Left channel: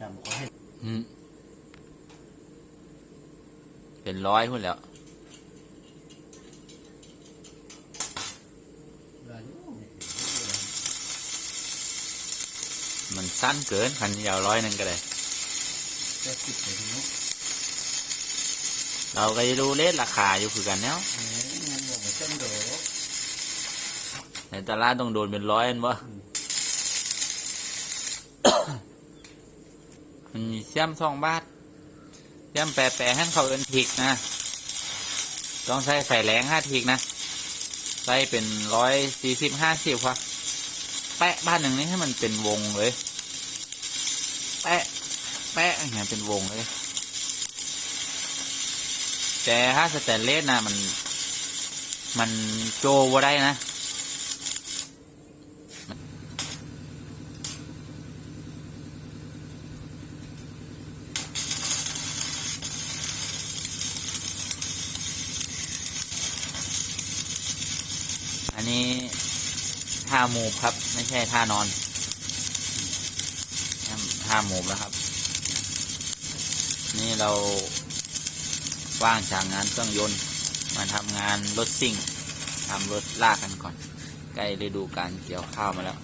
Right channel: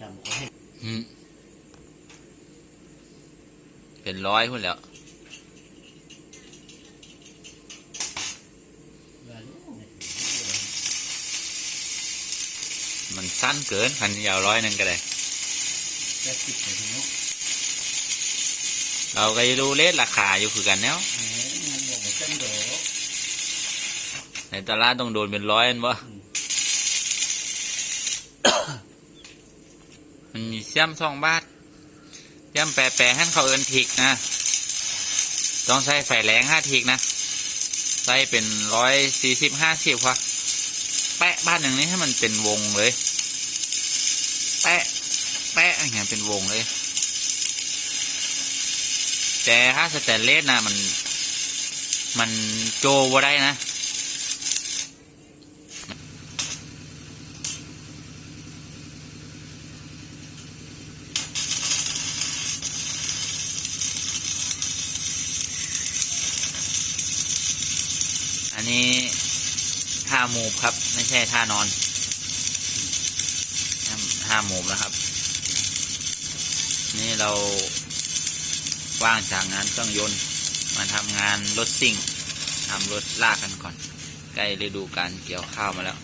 ดำเขาให้เป็นร้อยคนแล้วมันสั้นเกินพันยาวร้อยนึงก็ได้เราก็จะดูเลทราคาอยู่คือกันแล้วในตลาดต้องโดนเป็นร้อยอันวะันมีเสี้ยมสองบาทเสี้ยมแปรแปรให้เขาเอินทิกนะ ต้องใช้ไฟแรงห้าทิกนะ ใส่เป็นร้อยสี่สิบห้าสิบวะแปะบ้านหนึ่งนี้ให้มันเป็นวงเลย แปะ แปะอย่างเงี้ยเป็นวงเลย แต่ถ้าสแตนเลสนะมัน มันโจวได้นะ อันนี้ท่ามูฟครับ ไม่ใช่ท่านอนท่ามูฟนะครับ นี่เราว่างจากงานเครื่องยนต์ มาทำงานรถซิ่งทำรถลากกันก่อน ใกล้ฤดูการเกี่ยวข้าวมาแล้ว